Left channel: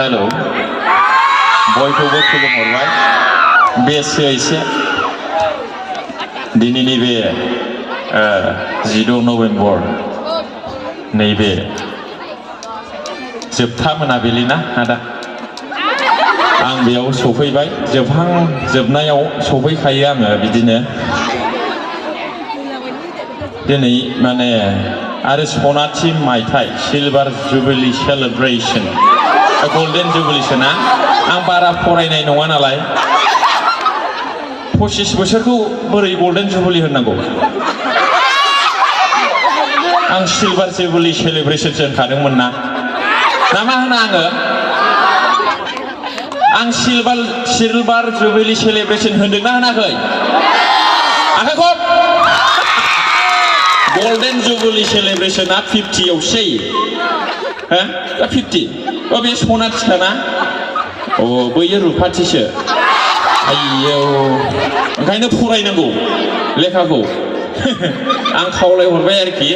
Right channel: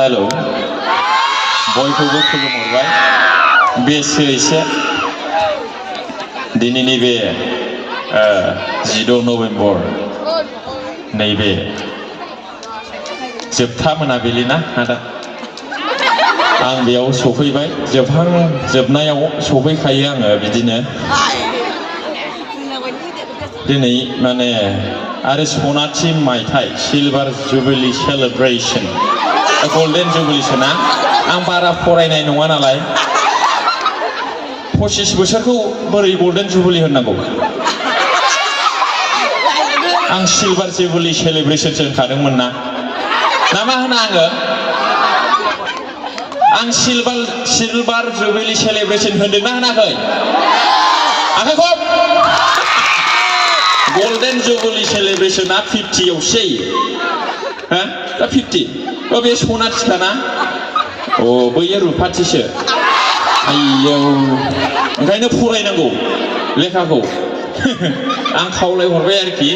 hello बयखौबो खुलुमहरबाय बेसो एसे दिनैनि बे 16 नभेम्बर नैबे जोबथा मोनाबिलि ना आदा आं बेयाव सफैबाय जोबनायाव सफैखायो आङो बिदिनो दिनै माने आरो सनाथि मायथाइ सिलभार जुबिली सेलिब्रेशन गोल्डेन जुबिलीसोना आं बारा फरायनाय नङा नालाय 25 बोसोरखौ बोरै गोल्डेन जुबिली होननांगौ आं सिलभार जुबिली सेलिब्रेशनसो होनखादोंमोन ना मा होना आं सिलभार जुबिली सेलिब्रेशन होनदोंना होनाखै आखाइ खब गोल्डेन जुबिली सेलिब्रेशना 50 आवसो हो 50 बे सनाथिखाना बैयो रुफाथिसो आयौ ओंखायनो फरायनांगौ लेखाखौ आं खावलायहरबाय आरोखि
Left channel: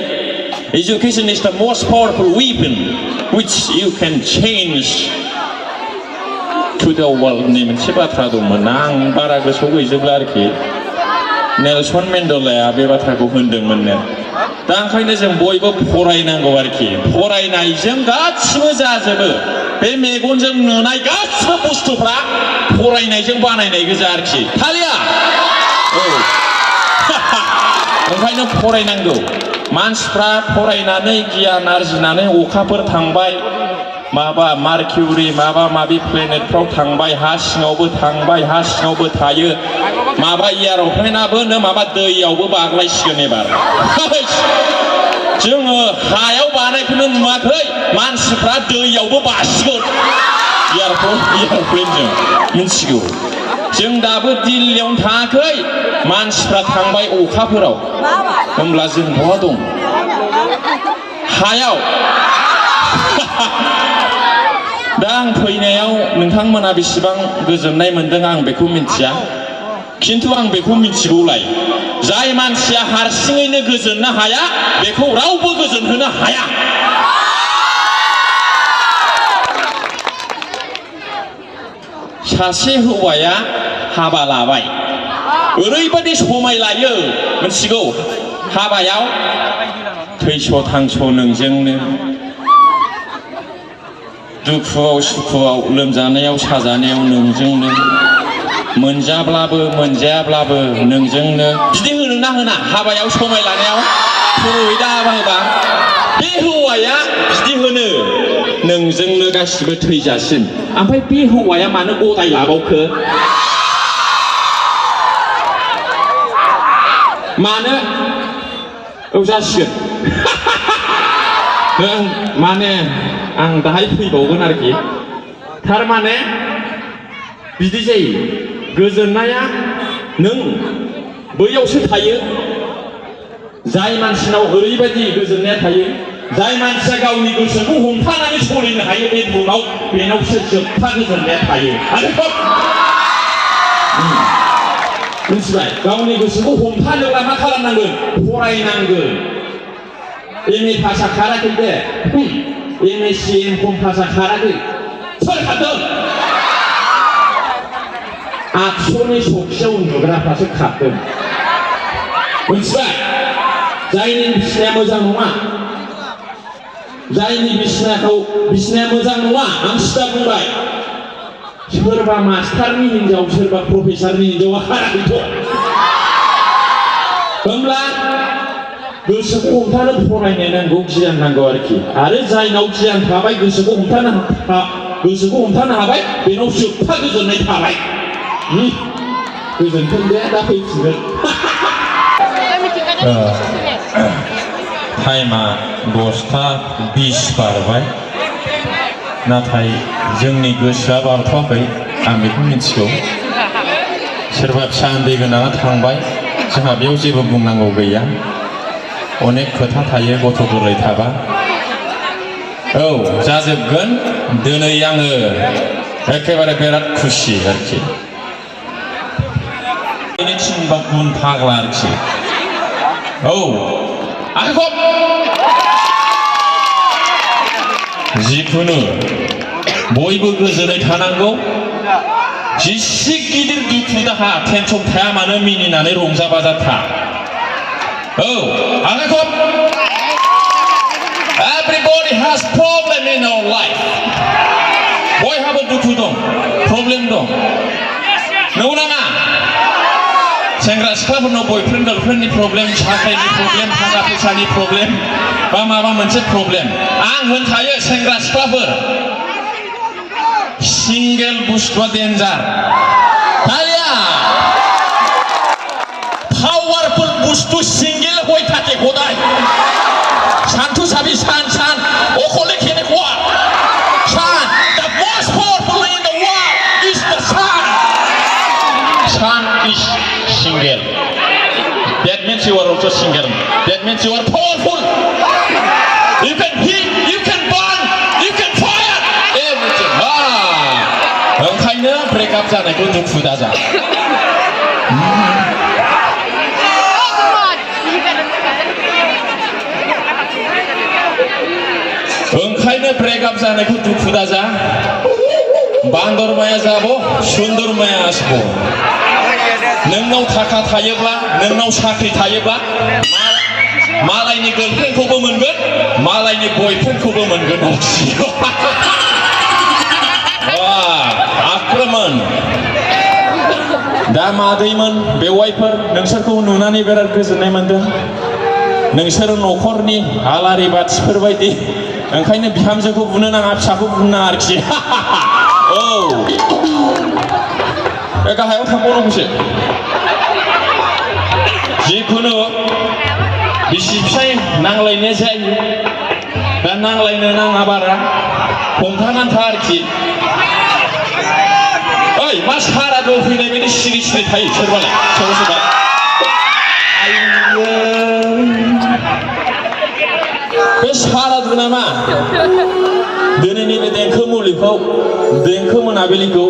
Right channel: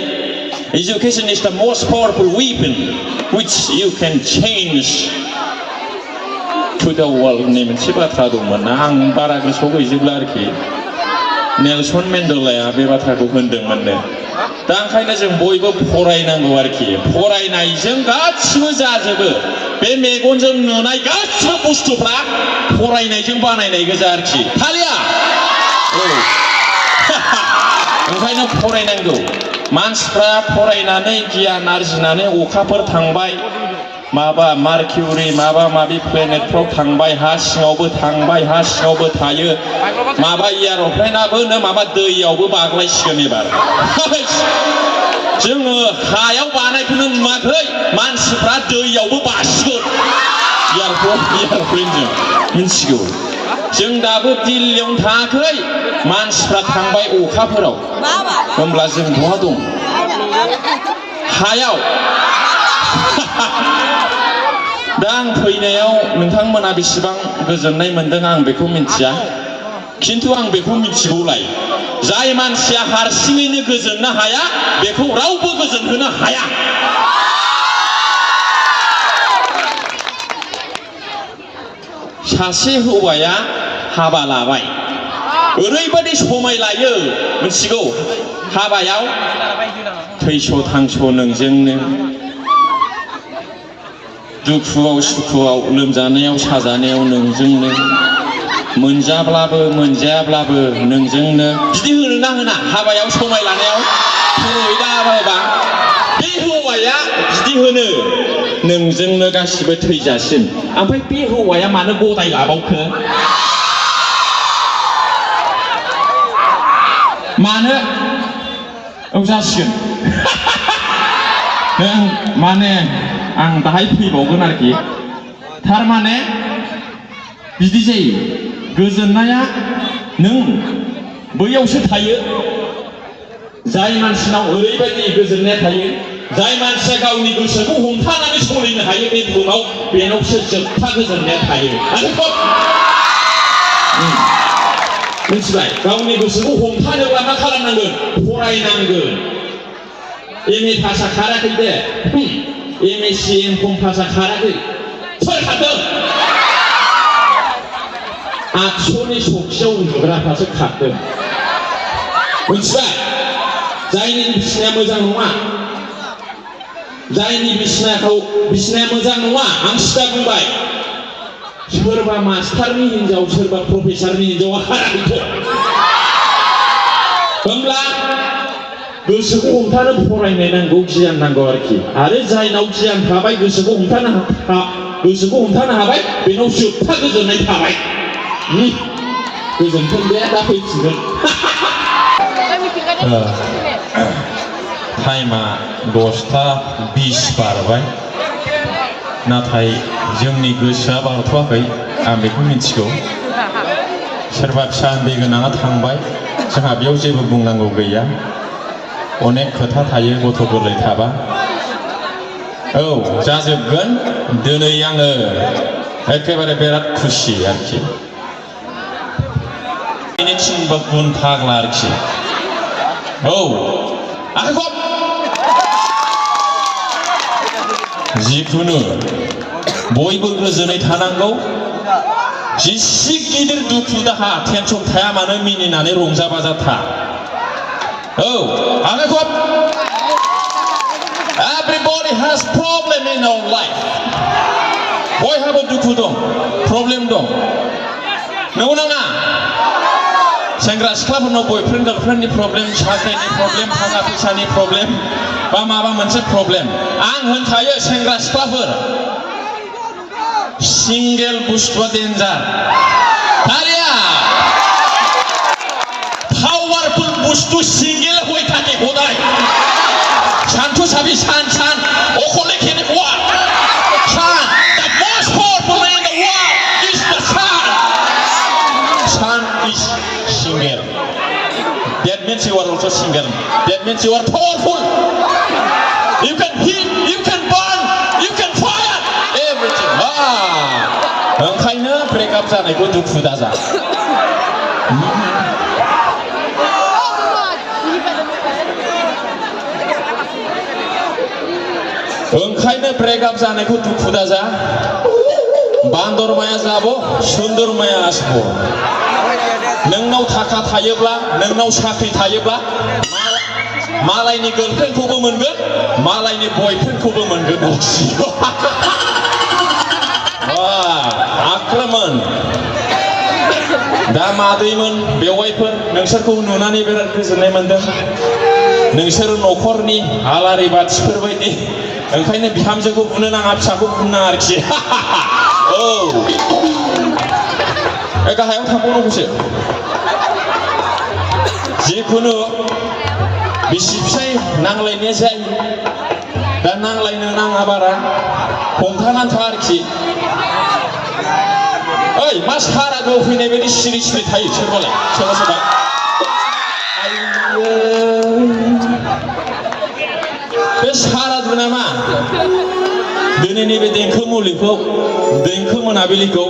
Education is the most powerful weapon which you can change to the world होननाय मोनसे बाथ्रा दंमोन ना आं बारा गोसोआव गैजोबला आरोखि नेलसन मेन्डेलाया बे बाथ्राखौ होनदोंमोननो दा ओंखायनो जों बयबो फरायनांगौ आरोखि फरायनायजों गासिबो जाजोबो बे मेगनजों नुनाय गासिबो बुस्थुफ्रा फरायनायजों बानायनाय गोजा आरोखि थालिया ओंखायनो फरायनांगौ मानसिफ्रा फरायनानै गियान आरजिनानै अखाफोर थांबाय माबा मार्किउरि माबा माबि प्लेनेटफ्राव थांबाय हा सिङावबो थांबाय हा सिङावबो थायो माबा एर'प्लेनाबो माबा दैयावबो बाग्लायसिगोन एबार जोङो हायाव बानायखौनो नुवाखै मानसिफ्रा दैयावबो बासिगोन एर'प्लेनजों मिथिगौ जों दाबो दिल्लीयावनो थाङाखै मानसिफ्रा थांबाय अखाफोराव होमब्ला जों बहा दं हायाव दा आं फैनायाव नोंथांमोना बेसेबां गोजोननाय मोनदों आं बेखौ मिथिया खिन्थु आं बेखौ मिथिगौलाय जाय मानसिया हारसिङैनो गोजोननो हाया बेखौ रावबो गोजोनहोनो हाया सासे हौवाया हाबा लाबाय ओरैबायदि समाय लायो मिथिगौ हाबायाव थैस' थांस' नोंजोंनो दुखुआव सुखुआव लोमजानायाव साजानायाव नोंजोंनो मोनजाब्लाबो मोनजायाब्लाबो नोंजोंनो बिदि होनो ना होना हाबायाव समाय लानायाव खर'यै होबा बे हौवाया बिदि होनो नोंजोंनो गासिबो थैजासिम ओमफ्राय बे हौवाया मानो गदाय लाबावखो मानो जासिगोन माने आं दाहाय फैबावगोन आरोखि थारमाने बिदि जायो गोजोननाया नों बैयावसो थायो जाय मानसिनाव ओरैबायदि गोजोननाया थायो जाय मानसिया गावनि गोसोखौ हमथानानै सोलिनो हायो बे बुहुमाव बेनावसो जोबथा गोजोननाया थायो मिथिबाय गावनि गोसोखौ हमथानोब्ला मा खालामनांगोन फरायनांगोन एम ए पासआ खाराखै दे एम ए सि एम कम पासआ खाराखै सोर खारदों आठस'नि सखियाव उन्दुग्राफ्रासो खारदों मिथिबाय जायनि बिसिनाया मोजां नङा जायनि बिसिनाया मोजां नङा आं सिदा बुंबाय सोरबा मास्टारनि हिनजाव सोरबा प्रफेसारनि हिनजावा खाराखैथ' होमब्ला गोसोखौ हमथानो फरायनाय नांगौ गियान नांगौ आरोखि आरो जायनाव गियान थाबाय गोसोखौ हमथानो हाबाय बेनाव जोबथा गोजोननाय थाबाय गोजोनथों दे दा फैफिनगोन टाइमा 10:20 बारबाय नाथाय जोंनि गोसोआ बारथ'वाखै आं बेखौ मिथिगौ सोरबा फिसा उन्दै गोनाङा थांबाय जोंहा बेयाव जेबो बुंनांगौ गैया अनेक खोथा थायो गथ' गोरलै थाबा औ जाजोबगोन दिनै आङो एखेबारे बिराद खुसि आरोखि थिनबा गुन फाग्ला आरोखि औ आखाइ खब जिखुनु बयबो गोजोनै थानांगौ जिसे गिदिर दुखु दाहा टेनसन थाया मानो मिनिनानै रंजा बाजा था औ आलायखब everybody has problem in our life बयहाबो दुखु दं प्रब्लेम दं नंगौ नामा सेंग्रा सिख्लाफोरनाव बयफ्रेन्ड गार्लफ्रेन्डनि प्रब्लेम साख्रिनि प्रब्लेम थाखा फैसानि प्रब्लेम बा माबा मोनसे प्रब्लेम आं होनखायो सेंग्रा सिख्लाफोर सिंगेल बुस्थुआ डेन्जार दालिया पावारफुल बुस्थु सिंगेल হই থাকে খোদাই শান্তু সাবি শান শান ওখলে খেলে কোয়া শান the most powerful in the world is the sun sun is single that means you are also single that means you are powerful you can heat you can burn you can fire everything ओंखायनो breakup जानायखौ दुखु दाजा ओंखायनो breakup जानायखौ दुखु दाजा बान्दरमाया जाबो सुन्दरमाया आसबो नोंनाव थाखा थायोब्ला नोंनाव साख्रि थायोब्ला मालायनि गार्लफ्रेन्डखौबो मोनगोन मालायनि बयफ्रेन्डखौबो मोनगोन आक्रमण दा मादैमोन बेवाइफोर नोंसोरखौ नुनानै बिराद गोजोननाय मोनदों नोंसोर न'खरनि आलारि बाथिफोर बायदि ओंखायनो बिहामजोखौ बुनो नाङा फिसाखौ बुनो नाङा आरोखि औ बे गाहायाव थांबावनांगौसो जिखुनु बिसि फिसाय नांलायनाया जायो दा नांलायनो नाङा बारा हमथानानै था आरोखि ओइ मा सारादु फैनाय बायदि सिरि सिरि थायो सोरबालाय सोरबा सोरबा बे सारादु नामा दिनैनि बे देंखो मुलिखौ देंखो मोनाबिलिखौ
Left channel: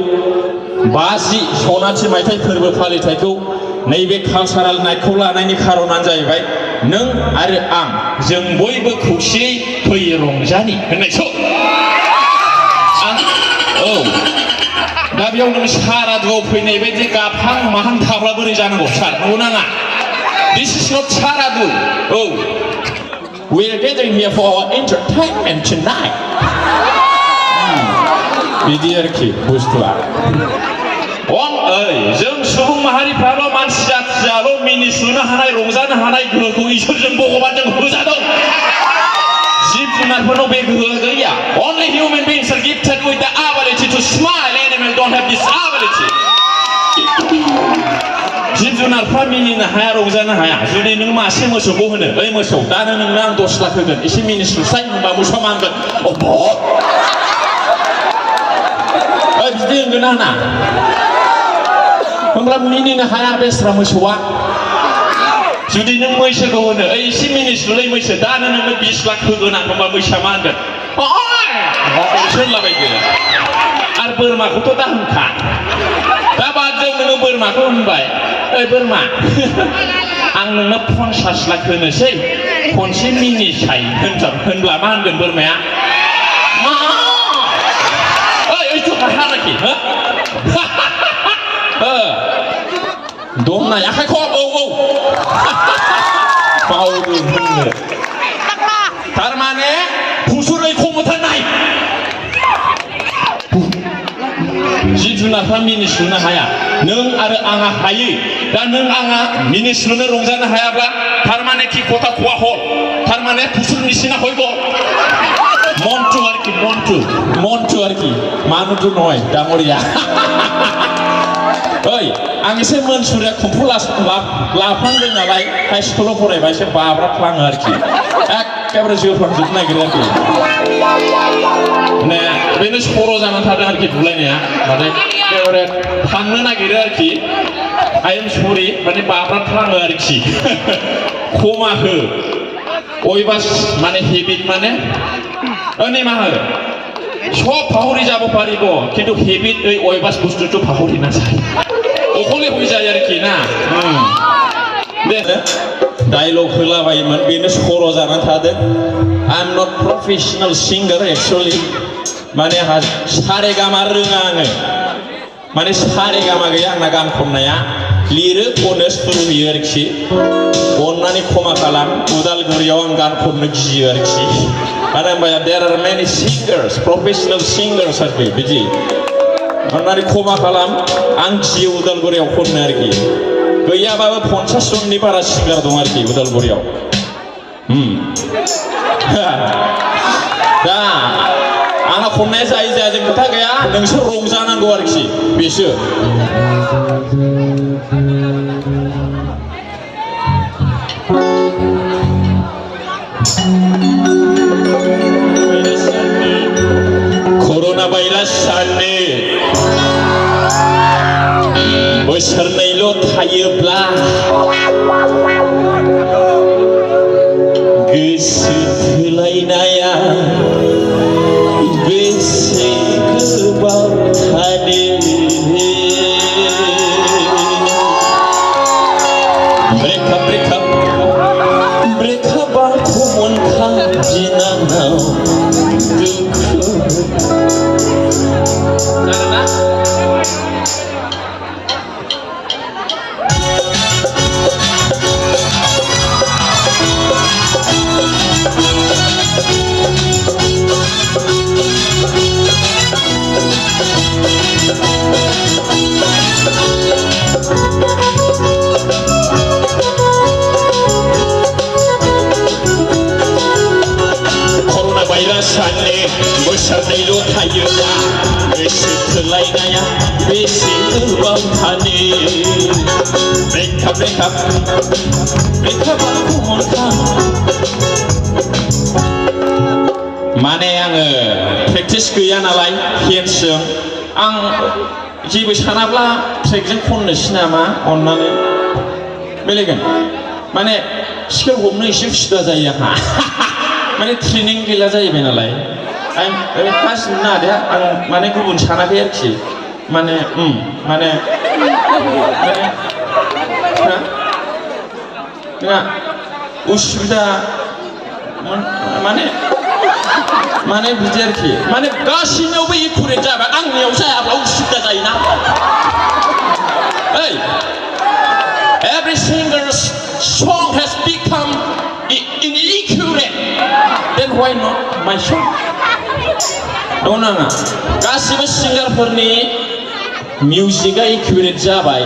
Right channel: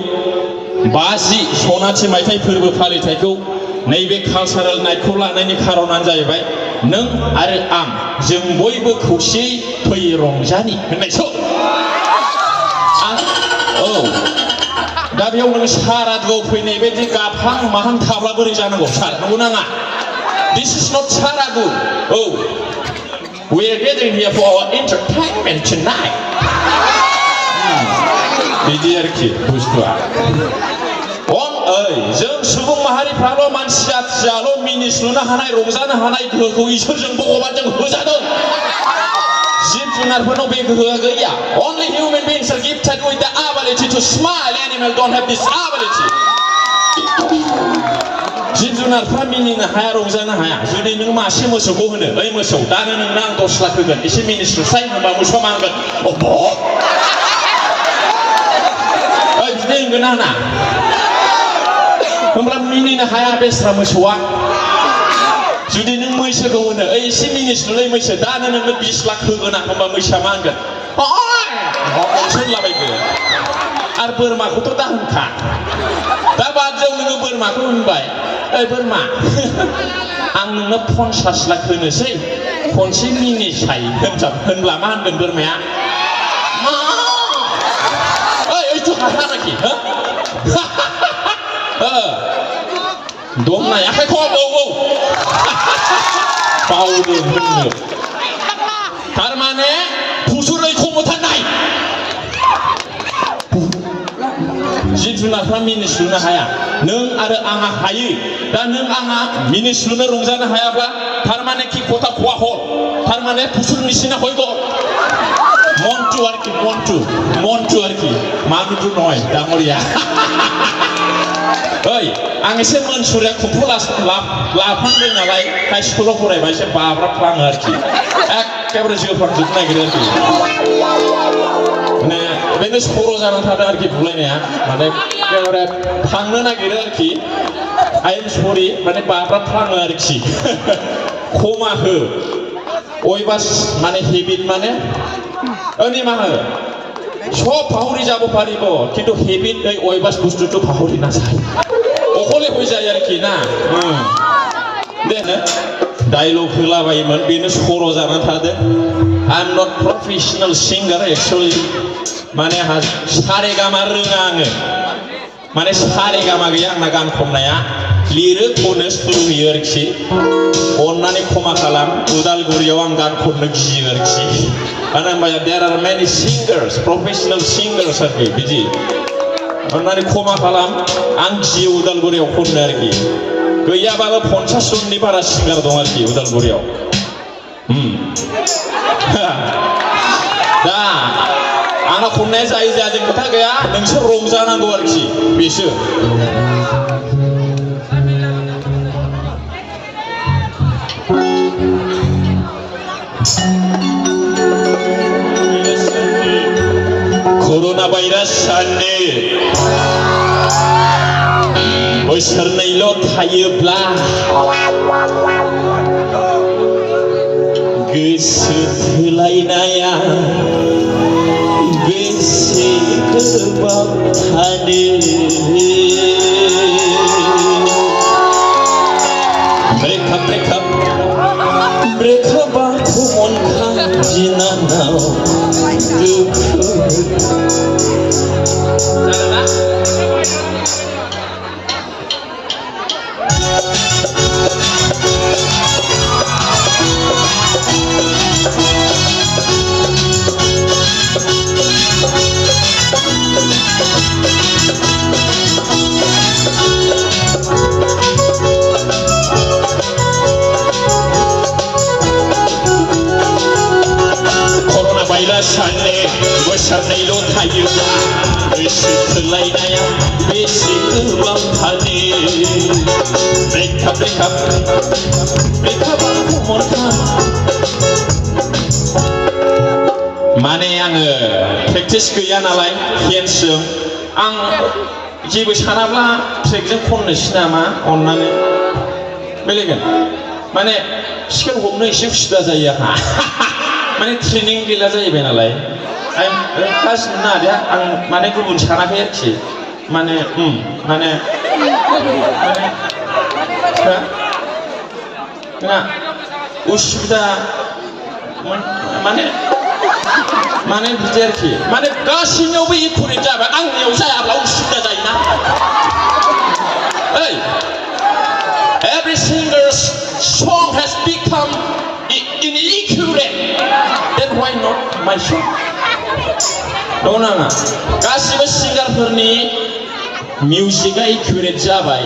50 सनाथि मायथाइ फोरबो फालिथायखौ नैबे कालचारेल नाइटखौ लानायनि खारनानो जाहैबाय नों आरो आं जों बयबो खौसेयै फैयो रंजानि होननायसो औ दा बेयाव नों सारादुआव फैनाय बायदि गाबहां माहां थाब्ला बोरै जानांगौ सार नंगौ नाङा दिस इज नट सारादु औ we are gathering here for our entertainment tonight बिदि आरोखि बुस्थुआ जों सुबुं माहारिफ्राल' मानसि जाथियाल' मिनिस्लुनो हानाय रंजानो हानाय गोहोखौ इसोरजों भगबानजों होजादों जिब जुनारफोरनाव बे गोहोआ गैया only human beings are gifted with the ability to smile animals don't have this ability जिब जुनारफ्रा मिनिनो हाया रंजानो हाया जुदि नों मासे मोसौखौ होनो ओइ मोसौ दानो नोंनो आं 10 लाख होगोन एसे मिनिस्लुसाय होनबा मोसौआ मांगोन अब्ब' ओइ बिदि होनगोन आंना होमब्ला मिनिनो हाया बेस्रा मोसौआ जुदि नों मैसोखौ होनो ओइ एसे मिनिस्लुलाय मैसो दानो नोंनो 20 लाख होगोन आं होमबा मैसोआ मा होनगोन होनलाबायगोन आरो बोरमाखौथ' दा होनखा दा बादजों नोङो बोरमाखौ होनबाय ओइ बोरमा आं नोंनो 50 लाख होनोसै खनसे मिनिसाय होनब्ला मा होनगोन बोरमाया मा ओइ ओइथ' हाराखि दंना आखाइ खब औ बावदो होननो थारमाने फुसुरै खमथारनाय जिब जुनारफ्रा मिनिस्लुनो हाया नों आरो आंहा हायो दा नों आंहा मिनिस्लुनो रंजानो हायाब्ला थारमाने कि खथा खवा ह थारमाने फुसुर निसिना हयग मन्टु आरोखि मन्टु आरोखि मानुटु नय डाङरिया ओइ आं एसे मोनसुरिया खुम्फु लाफ्लांदों नालाय हाइ स्कुलाव फरायबा एसे बाब्राफ्लाङो आरोखि एखेबारे जोफ्रांजोबनो नागिरो आरोखि माने बेनो सर' जानानै थादों आरोखि बुलायनाया नाथाय एखेबारे थांनो नागिरो आरोखि आइ एम सरि माने बाब्राफ्लाङो आरोखि खमा हो अयबास माने हेबिट माने निमाहा हो सब পাহৰি যাব পাৰিব কিন্তু হেবিট এই অভ্যাস বস্তুটো পাহৰি নাযায় অকলে হৈ যায় আর কি না डायलग होलाबायोमोन बेनो सर' जानानै थादों I'm not professional singer actually माने सारेगामा रोङा आङो माने सारेगामा गैया आंना गान खननाया लिरो खनो सुर होयो आरोखि अन्नानै क्षमा खालाम उदालगुरियाव आं गान खननो गियो आरोखि मानो होनबा there are many singers professional singers आरोखि बिदि अन्नानै क्षमा खालाम आं गियो उदालगुरियाव खननो आरोखि गैयाबाबो 50 जननि बारा सिंगार दं आरोखि उदालगुरियाव दा आंना खननाया जायो जाया जों खोथा गैया नोंसोर रंजानांगौ आरोखि बेसो कर'ना भाइरास साननो बोसोरनैल' थायोब्ला गोसो थोलायनाया बेसे गोबाव थानो ब्रेकआपखौ मोनखांफिननांगौ बोसोरनैल' थायोब्ला गोसो थोलायनाया बेसे गोबाव थानो ब्रेकआपखौ मोनखां माने आङो प्रेक्टिस गैया नालाय हेडसजों आं जेबो सानाब्ला ट्रेकजों खननोसै नामा अन्नानै बेलेगोन माने स्केल हमनो एसे उसुबिदा जायो आंहा माने ट्रेनिं गैला जाहैबाय नालाय गासिबो नादे आं माने गुबुन सानाखै आरोखि माने माने उसुबिदा माने माने बिदि आरोखि माने गासैनियावबो एकुरेट जाबा आंनियाव जायाब्ला उसुबिदा जायोना ओइ every single song has become inaccurate then why not my song दं नाङा गासिबो सिंगारफोरनि मिउजिकआ एकुरेट जाबाय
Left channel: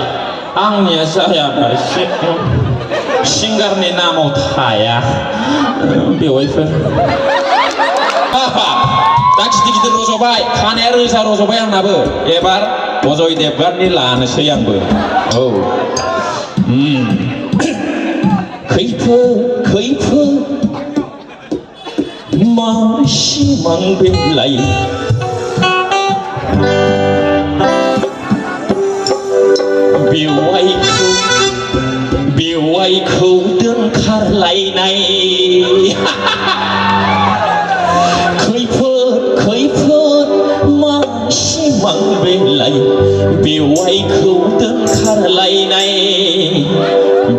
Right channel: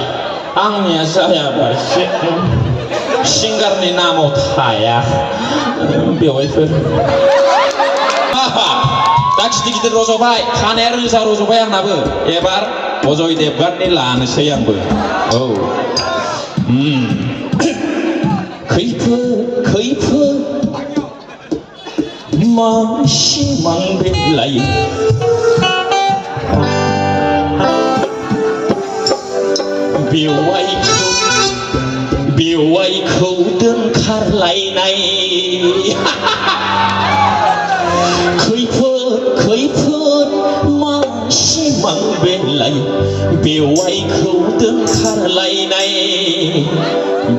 आंनिया जायाबा एसे सिंगारनि नामाव थाया बेवहायफोर दा गिदिर गिदिर रज'बाय खानाया रोजा रज'बाय आंनाबो एबार अजय देबगाननि लानोसै आंबो औ खैफोद मा सिमां बेलाय बेवाइखौ दोनखारलायनाय खैफोद मा सिमां बेलाय बेवाइखौ दोनखारलायनाय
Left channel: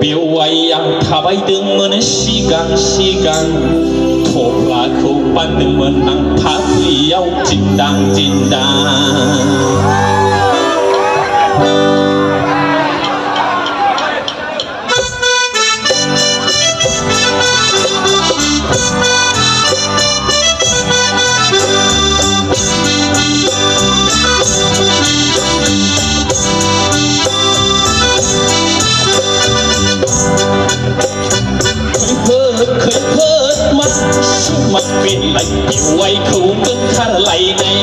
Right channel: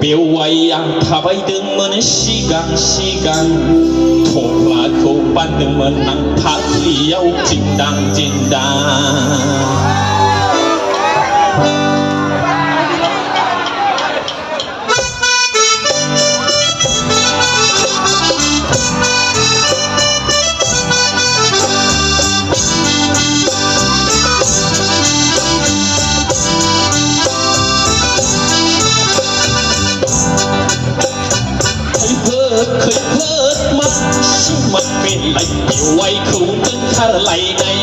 बेवाइया थाबायदोंमोन सिगां थफ्लाखौ बानदोंमोन आं फाफ्लियाव दिन्दां बेवाइखौ दोनखारलायनाय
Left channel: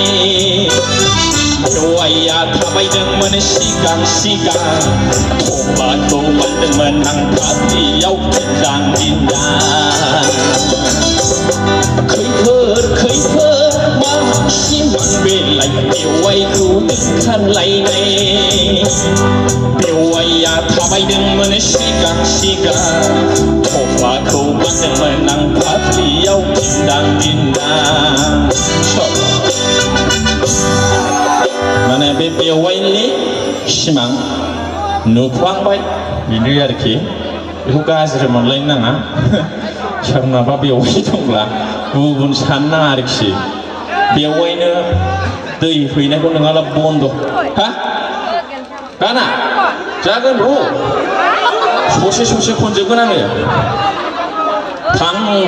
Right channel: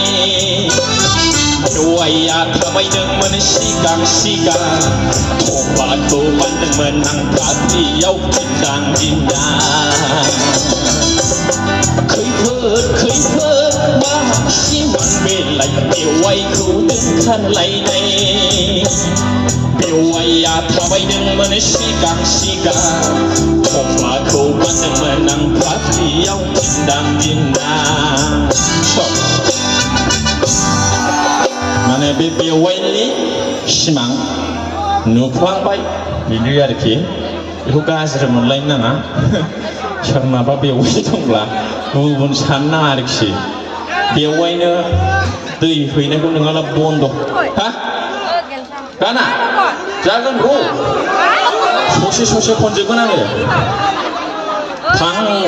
बेवाइया थाबायदोंमोन सिगां थफ्लाखौ बानदोंमोन आं फाफ्लियाव दिन्दां खैफोद मा सिमां बेलाय बेवाइखौ दोनखारलायनाय बेवाइया थाबायदोंमोन सिगां थफ्लाखौ बानदोंमोन आं फाफ्लियाव दिन्दां माने बे बेवाइनि सिमां नुफ्लांबाय बेनो आरोखि बेखौ गाज्रि मोनलायनो नाङा सोरनाबा बेवाइ दंब्ला गुबुन साननो नाङा आरोखि बेवाइनो दै हैनायखौ नोंहा बन्द' हा गाना जागोन र' ससे खनजोबगोन आङो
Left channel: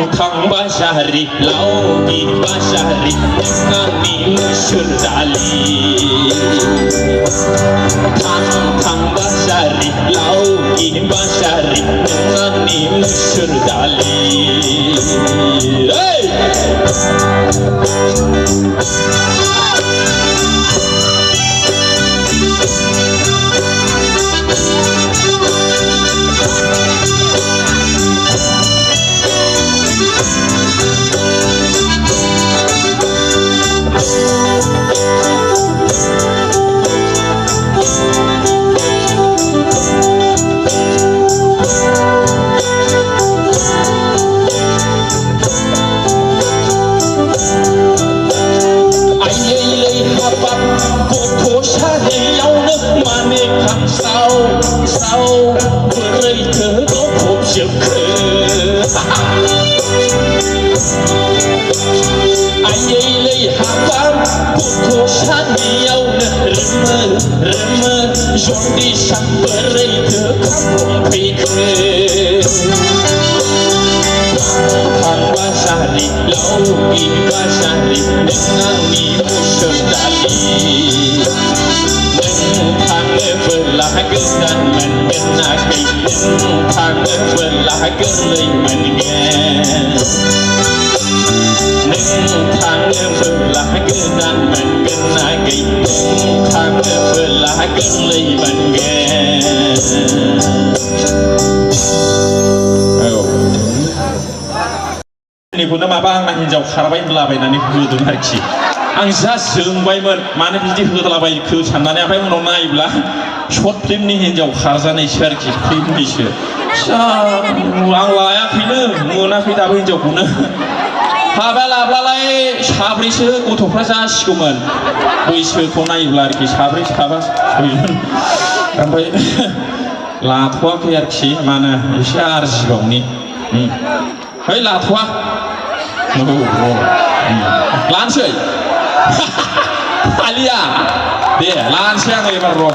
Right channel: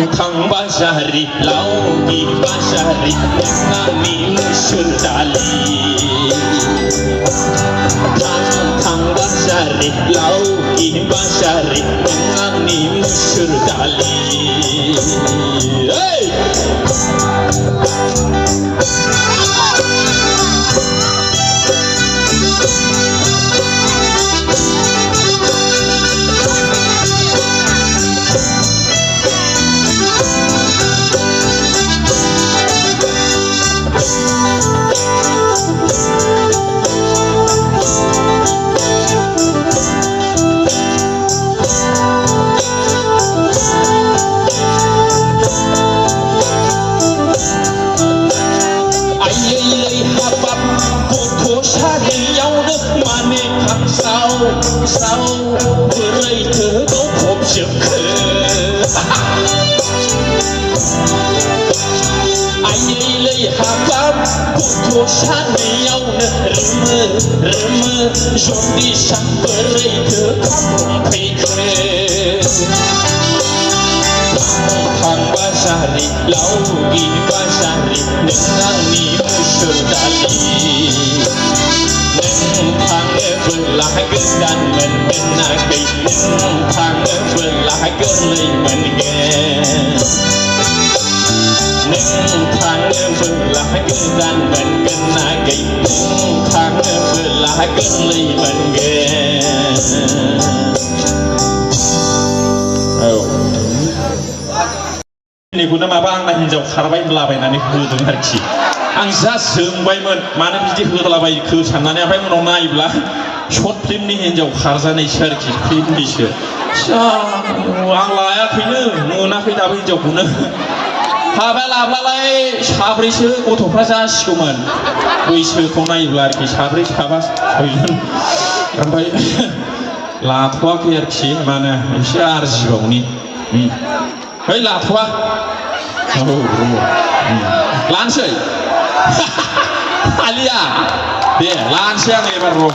थां बासारि लावगि बासारि नोंनि मुसुर दालि थां बासारि लावगि बासारि नोंनि मुसुर दालि निखौनो माबा आंना हिन्जाव खारबाय लाबायनानै होदों आरोखि आं जा जोंबायमोन मानो बिदि होलाबायखो साननानै ओमफ्राय उनाव नायोब्ला शर्ट फिल्मनि हिन्जाव खारजानायसो आरोखि फिल्मनिसो आं लायाखैनो मोनाखै दाबो हिन्जावखौनो हाबा लाब्लालाय साब्रैसो गथ'फ्रा जासिगौमोन बैसोखौ नायोब्ला आरोखि साब्रै साबा सयजन ओमफ्राय लाथ'वाखै आरोखि मानो एसे आरजिबावनि है लाथ'वा लानोसै आलिया दे लानोसै आं एबार र'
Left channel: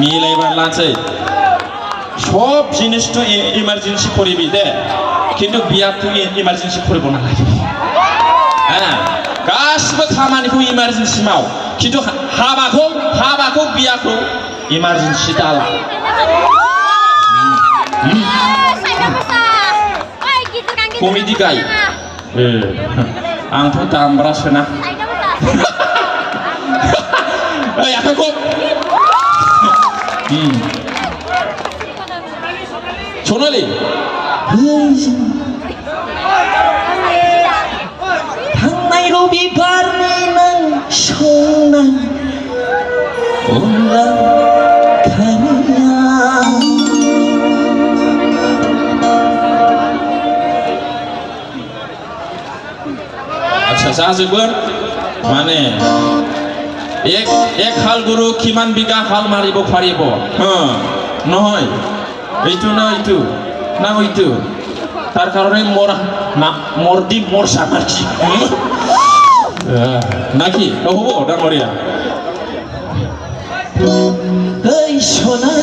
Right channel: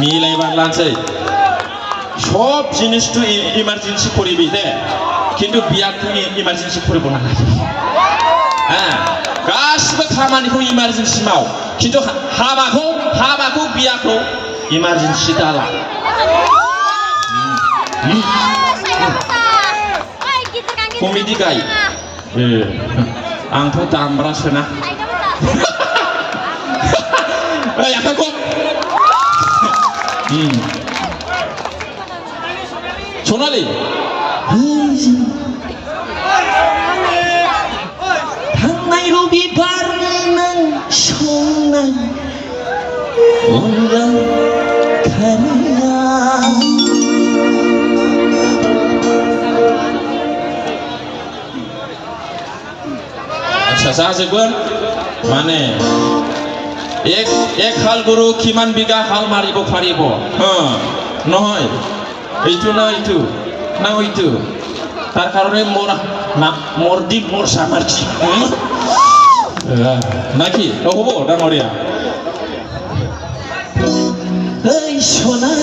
मिलायबा लानोसै सब जिनिसथ' इमारजेन्सि फरिबि दे खिन्थु बियाथ' इमारजेन्सि फरिब नालाय गासिबो खामानिखौ इमारजेन्सि माव खिन्थु हाबाखौ बियाखौ इमारजेन्सि दाला कमेडि गाय आंथ' दामब्रासोना आखाइखौ सनालि थांनाय रबिबारनि नों संनाय अनला खारिया जाजोबगोन माने एक हाल गुरु किमान बिगा हाल मारिब फारिब নহয় এইটো না এইটো না এইটো তার কারণে মোর দি মোর সামাজি নাকি হবো ডাঙরিয়া এই সোনা